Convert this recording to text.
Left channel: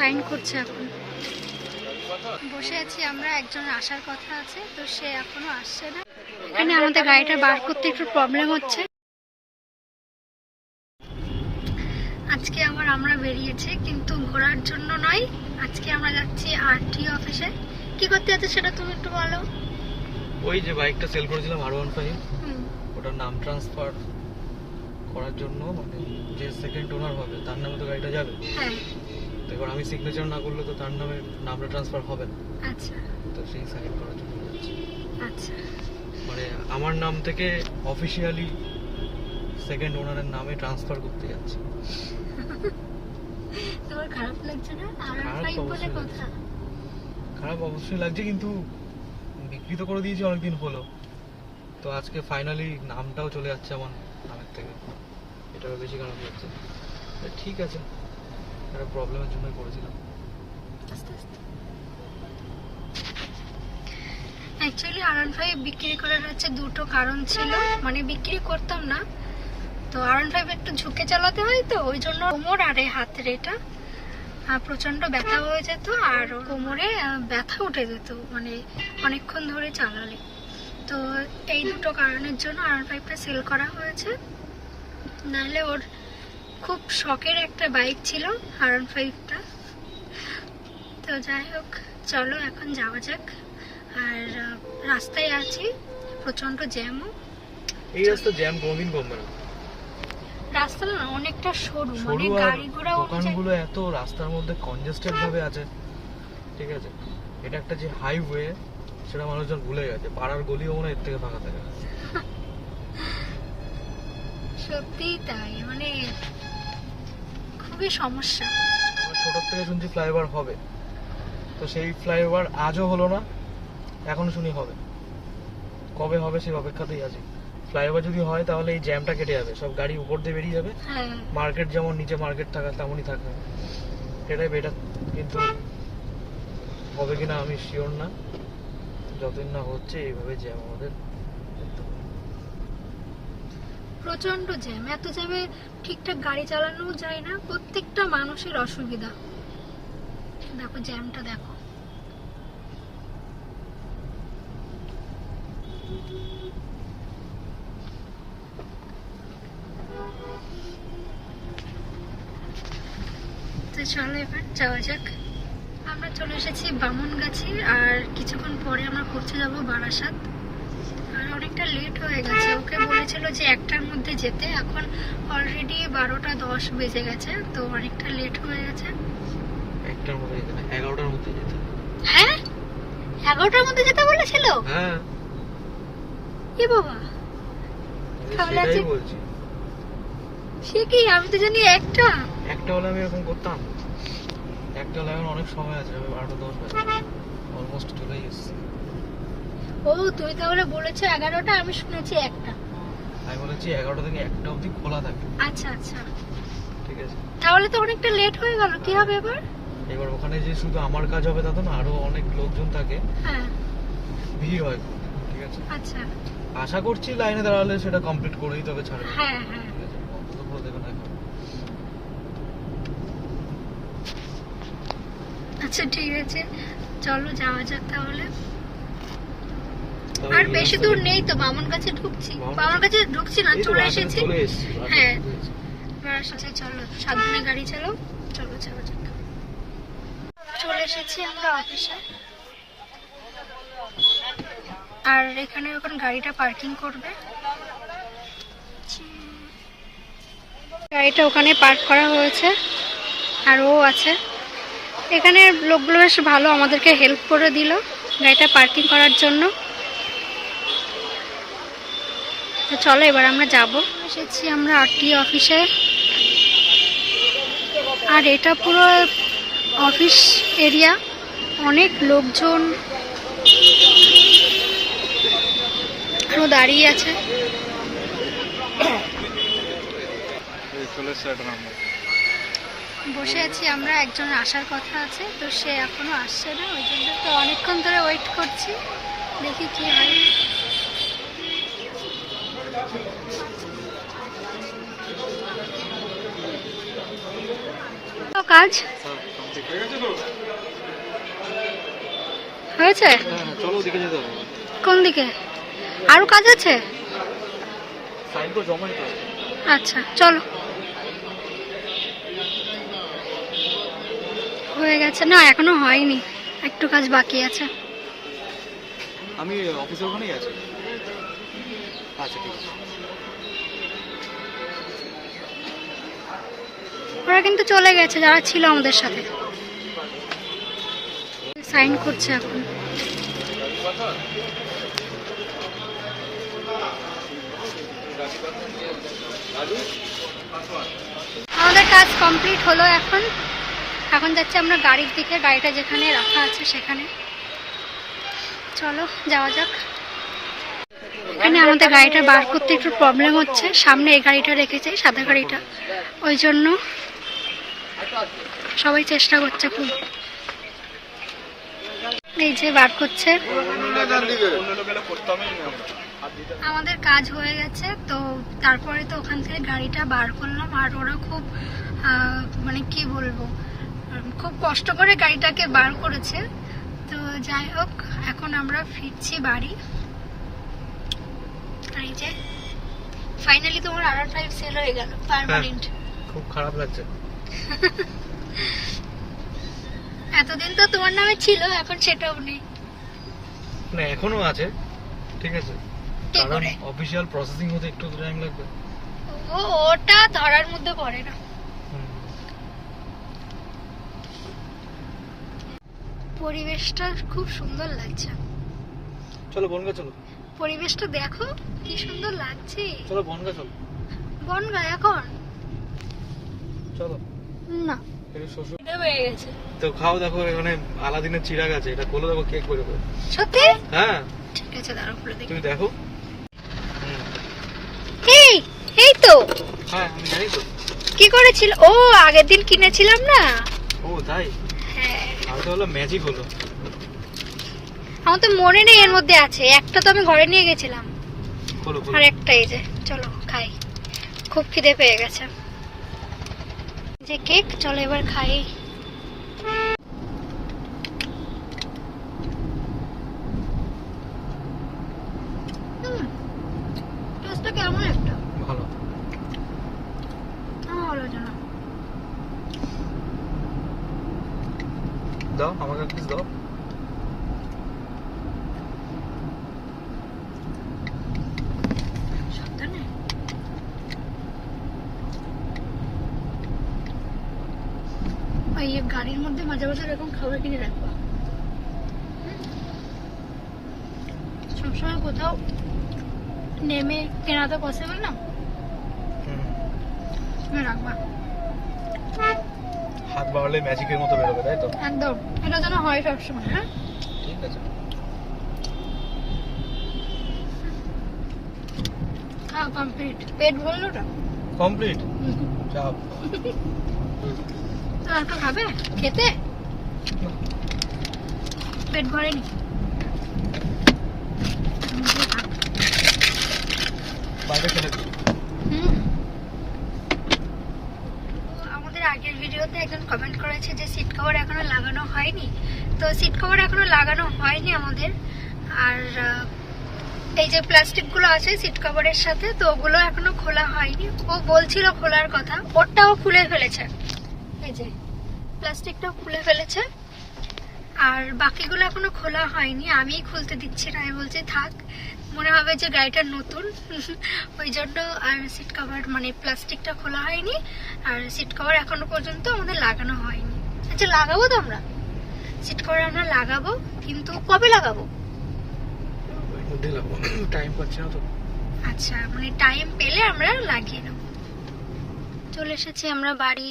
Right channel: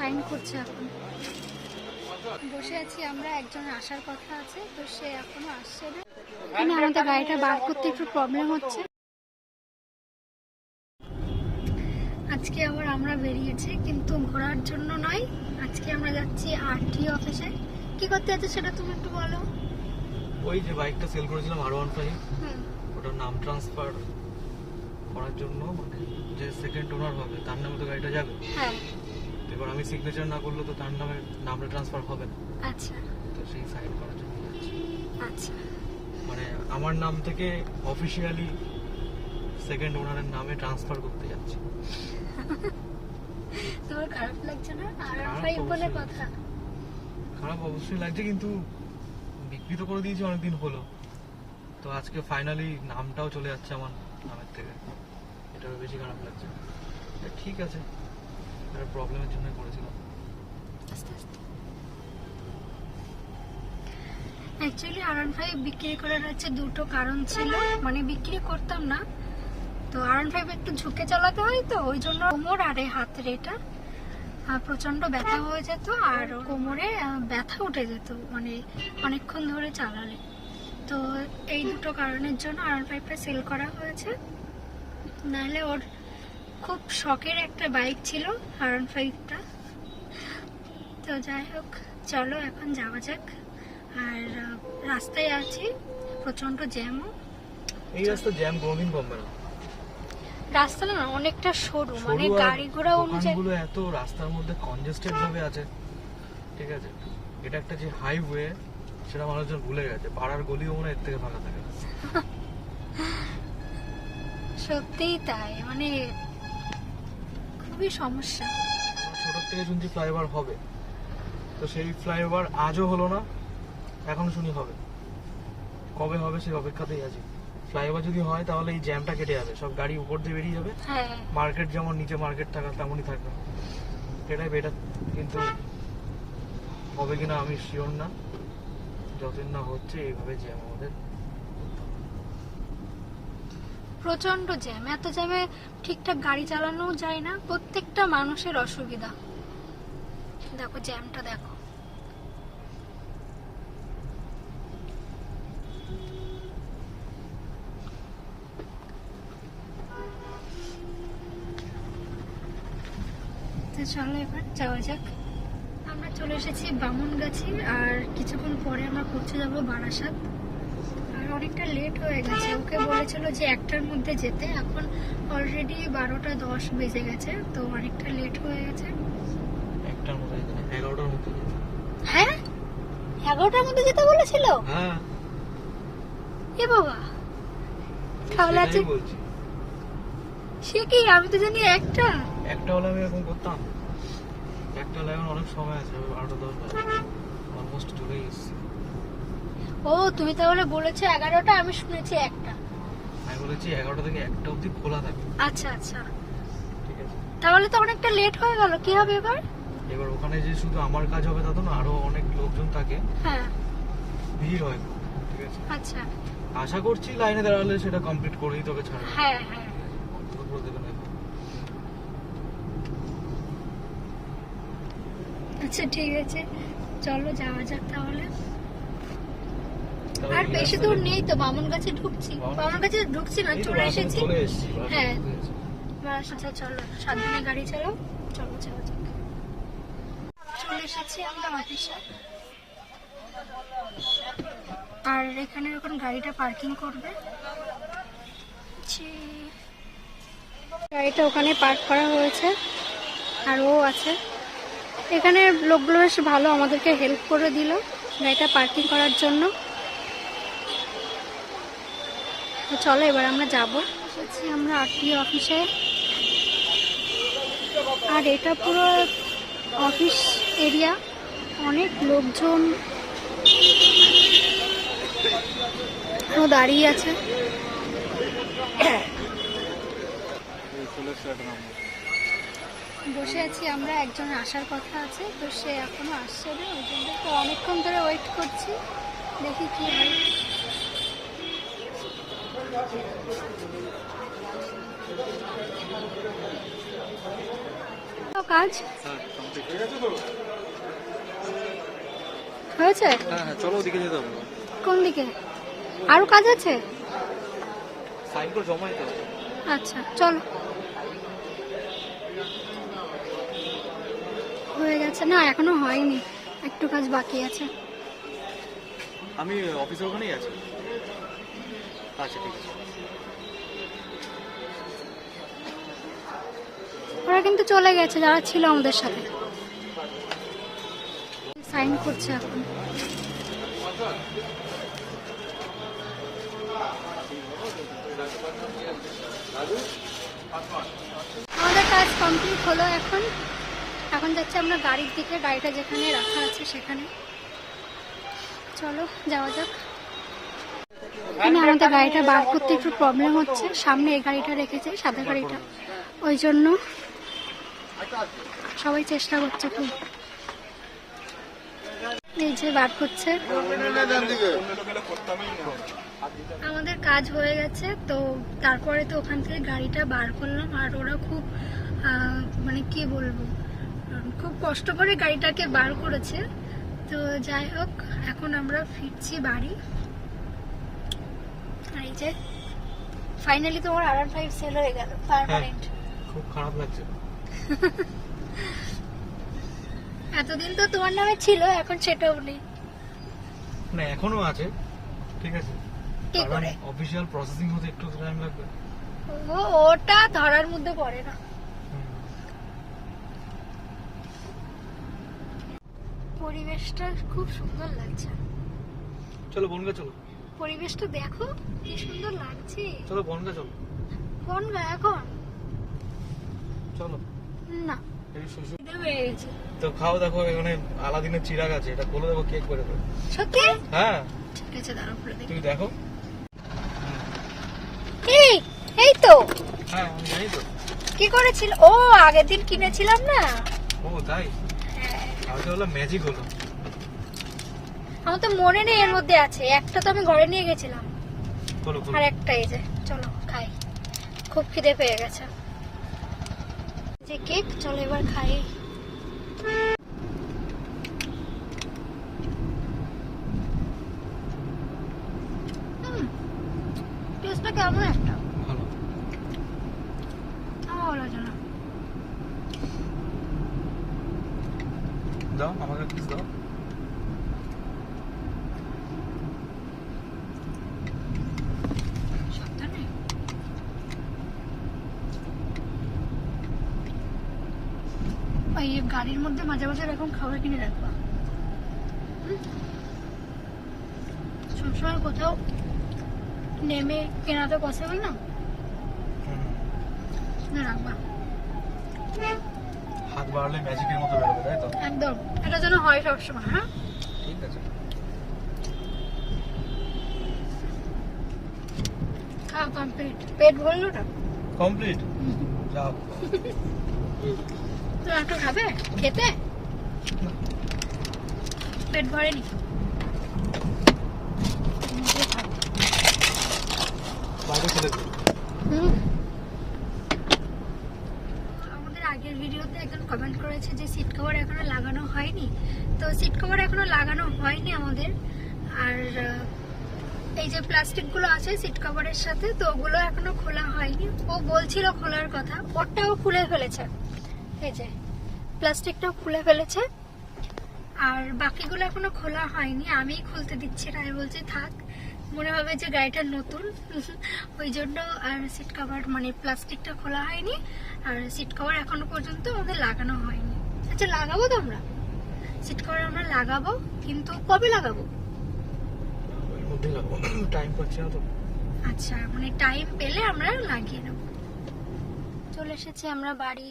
Sign করছে এখন। বসে আছি আমরা একজন আসার কথা আছে তো সে এখনও আসছে না। এখানে আমাদের গাড়িটা বার করতে একটু প্রবলেম হচ্ছে। আজকে আবার আমরা বেরিয়েছি কিন্তু ঘোরার জন্য নয়। আজকে আমরা যাচ্ছি আরটি অফিসে কি করতে যাচ্ছে সেটা তুমি একটু বলো। ওই যে বাইকটা সেল করেছিলাম আর ওয়ান ফাইভ ওটার নাম ট্রান্সফার করার জন্য মানে যে সেকেন্ড ওনার হবে তার নামে তো গাড়িটা যাবে। হ্যাঁ। এবার আমি সিগনেচার না করলে তো তার নামে নামটা ট্রান্সফার হবে না। আচ্ছা। তো সেই সাইন করার জন্য আচ্ছা। মানে আমার নাম থেকে অফিসিয়ালি সেকেন্ড ওনারের নামে ট্রান্সফার করতে যাচ্ছি। তোমার খারাপ লাগছে না? আর খারাপ অবশ্যই কথা। খারাপ অবশ্যই লাগছে কিন্তু বিক্রি তো করে দিয়েছি অনেকদিন হলো। তো আজকে ফাইনালি নামটাও চলে যাচ্ছে আমার নামের থেকে। এটাও বেশি খারাপ লাগছে। ঠিক আছে। একটা প্রবলেমের জন্য করেছিলাম। আস্তে আস্তে। অ্যাকচুয়ালি ফাইভ বিক্রি করার হচ্ছে দুটো কারণ ছিল। মানে বিক্রি করতাম না। তো ফাইভ একটু ঝুঁকে চালাতে হয় তো, ওই জন্য কোমর আর হাতের এটা প্রচণ্ড ব্যথা হয়ে যেত আর কোমরে ব্যথা উঠে যেত। মানে অনেকক্ষণ ধরে চালালে। তো এই দুটো কারণের জন্য আর ফাইভটা সেল করা হয়েছে। নাহলে ওর খুব শখের একটা বাইক ছিল আর ফাইভটা তো যাই হোক চলো এখন যাওয়া যাক। আর রাস্তায় আছি প্রচণ্ড জ্যামও। এই রাস্তা জ্যাম কোনোদিন কমবে না। রাস্তা না অনেকটা সরু মানে গাড়ি ঘোড়া দোকানগুলো এত রাস্তার মধ্যে কনজেস্টেড ভাবে আছে। ঠিক আছে? এটা একটা যে হাইওয়ে সেটা মানুষজন ভুলে গেছে। পাড়ার গলিও মনে এর থেকে ফাঁকা থাকে। সত্যিই তাই মানে খুবই সমস্যা। ছোটোর থেকে শুনছি ফ্লাইওভার হবে। তো সেই ফ্লাইওভার আজও হলো না এখন শুনি হবে। কবে হবে সেই অপেক্ষাতেই আছি। ফ্লাইওভার যদি হয় তাহলে এই জ্যামটা কেটে যাবে। সব গাড়ি উপর দিয়ে বেরিয়ে যাবে। হ্যাঁ। মার্কেট যেমন নিচে মার্কেট থাকা তেমনই থাকবে এটাই বেটার কিন্তু হবে কিনা আমি শিওর না। যতদিন না হচ্ছে এইভাবে জ্যাম আমাদের করতে হবে। প্রচণ্ড জ্যাম। এত জ্যামে ঠিকঠাক গাড়ি চালানো যায় না, প্রত্যেকটা মানুষের অসুবিধা। দেখো, জ্যামটা দেখো। চলো এবার যাওয়া যাক। আমরা চলে এসেছি বামনগাছি আর কিছুক্ষণ পরে আমরা পৌঁছে যাব বারাসাত। অনেকটা লেট হয়ে গেছে। ওকে বলেছিল যে একটার মধ্যে যেতে। এখন অলরেডি বারোটা দশ বেজে গেছে তো অনেকটা লেট হয়ে গেছে। একটার মধ্যে এগারোটার মধ্যে যেতে। হ্যাঁ? এগারোটার মধ্যে যেতে বলেছিল? হ্যাঁ। এ বাবা। তাহলে সে কি? আমি তো জানি একটা। একটা হলে আমি এরকম করতাম। একটা হলে এখন অনেক সময় আছে আমি বারোটা দশ বাজে। অলমোস্ট চলেই এসেছি। ও তুমি তাহলে বলেছ এগারোটা আমি শুনেছি একটা। আমি বলেছি এগারোটা থেকে একটা অবধি খোলা থাকে আচ্ছা আচ্ছা। ঠিক আছে। তাহলে তো অনেকটা লেট হয়ে গেল কি হবে এবার? এবার ওখানে যে শুধু আমার কাজ হবে তা তো না আরও অনেক লোকজন থাকে। হ্যাঁ। ভিড় হয় ঠিক আছে? আচ্ছা। আশা করছি লাইনে দাঁড়ালে সেটা কমপ্লিট করেই তবে ছাড়বে। হ্যাঁ হ্যাঁ? অন্তত করে দেখুন এখন। আচ্ছা ঠিক আছে। চলো যাওয়া যাক তাহলে। আর বেশি দূর নেই তো বামন কাছে ঢুকছি। বামন কাছে ঢুকছি না চলে এসেছি। হ্যাঁ। এবার আচ্ছা চলো সাবধানে গাড়ি চালাও। চলো চলো চলে। এসেছি আমরা অফিসে। আর এখানে এখন গাড়িটা পার্কিং করবে। গাড়িটা ওখানে পার্ক করা হয়েছে আর ও আছে। এখানে লোকগুলো বেশ ভালো আমাদেরকে হেল্প করে দিল গাড়িটা পার্কিং করার জন্য। চলো এবার আমরা যাব। এসেছি আমরা আরটি অফিসে। আর এটা পুরো অফিস এরিয়া। অনেক লোকজন আরও দাঁড়িয়ে আছে। বসে আছি আমরা একজন আসার কথা আছে, তো সে এখনও আসছে না। ওই জন্য তো অনেকক্ষণ ধরে ওয়েট করছি। দেখি কি হয়। কাজ? হয়েছে? হ্যাঁ হ্যাঁ কোন দিকে? আরও কাজ আছে? আচ্ছা চলো। হয়ে গেছে। না, এখনও হয়নি। একটু কাজ বাকি আছে। আমি অফিসের ওখানেই আছি। আচ্ছা ঠিক আছে। ওরা কিন্তু চলে গেছে, যারা ছিল আমাদের সাথে। সাইন করছে এখন। আমাদের কাজ কমপ্লিট হলো এখন। এখন যাচ্ছি আমরা গাড়ির দিকে, গাড়িটা যেখানে রাখা আছে সেখানে। চলো, যাওয়া যাক। এখানে আমাদের গাড়িটা বার করতে একটু প্রবলেম হচ্ছে। সামনে এই গাড়িটা রেখেছে, সাদা গাড়িটা। ওই জন্য সবাই চেষ্টা করছে খুব। এই যে বার করছে। আমাদের কাজ হয়ে গেছে তো তারপরে তো ওখান থেকে গাড়িটা বার করলাম আর ওরা খুব মানে কি বলব খুব কষ্ট করে গাড়িটাকে বার করেছে। তো যাই হোক এখন আমরা ফিরছি বাড়ি। এই যে ফাইনালি তোমার আর ফাইভ সেল হয়ে গেল পার্মানেন্ট খুব খারাপ লাগছে। এতদিন তো তোমার নামে ছিল এখন সেটাও নেই। না এখনও আছে ঠিক আছে। কারণ করে অফিসিয়াল প্রসেসিং হতে একটু টাইম লাগবে। ও ওটা ধরার মধ্যে পড়ে না। পরিবেশটা খুব সুন্দর লাগছে। চলো বনগা চলো। পরিবেশটা দেখো কি সুন্দর লাগছে। চলো বনগা চলো। বনগা এখন? চলো। না। এই শ্বশুর খিদে পেয়ে গেছে। তো খাও দেখো এখানে আলাদিনের চিরাগ আছে এটা খুলে দেখো কেক করে দেবে সত্যি? হ্যাঁ। ঠিক আছে দাঁড়াও খুলে দেখি। তুমি দেখো। এই এই তো। হ্যাঁ আমি জানি তো। কি করেছিল? ও আগের দিন কিনেছিলাম না? ও তাই? হ্যাঁ। হলো ম্যাজিক হলো। আমার তো মনে নেই এর মধ্যে আছে। একটা তো আমি ঘরে নিয়ে গেছিলাম। আর একটা এই যে চলো খাই। খুব খিদে পেয়ে গেছে। যে কেক চলো এবার খাই। কেমন একটা? ভালো। আমার ভালো হয়েছে না। দাও আমাকে দাও সত্যি না এই গাড়ির মধ্যে মাঝে মাঝে এরকম খাবার কিনে রাখবা। হুম? সবসময় কোথাও নেমে কেনা তো পসিবল না। রাখবা। হাত বাড়ালে ম্যাজিকের মতো বেরোবে তাই তো? একদম। এটা যেন হয় সবসময় হ্যাঁ? ঠিক আছে। কমপ্লিট পেট ভরলো ওটা? কমপ্লিট যাও। তো একটু খাবে? খেতে? পেট ভরেনি। আমাদের আগের ভিডিওতে একজন কমেন্ট করেছে যে সিট কভার এখনও লাগানো হয়নি। তো সিট কভার এখনও লাগানো হয়নি আমাদের। আর এই যে প্লাস্টিকগুলো আছে সিট কভারের সাথে তো ওগুলো এখনও খোলা হয়নি। ও বলছিল খোলার কথা। ওরটাও খুলে ফেলেছে। এই যে প্লাস্টিকটাও খুলে ফেলেছে। আর বাকিগুলো এখনও খোলা হয়নি আমি খুলতে দিচ্ছি না আমি বলছি থাক মনে হবে যে গাড়িটা নতুন। ওই জন্য আর সিট কভার মানে প্লাস্টিকটা খোলা হয়নি আর সিট কভার এখনও পর্যন্ত আমাদের লাগানো হয়নি। আচ্ছা লাগাবো তো আমরা? সিট কভার আমরা লাগাবো কিন্তু কবে লাগাবো? ওই মধ্যে লাগবো টাইম পাচ্ছি না তো। আচ্ছা মানে টাইম পেলে আমরা লাগিয়ে নেব। চলে এসেছি আমরা বাড়ি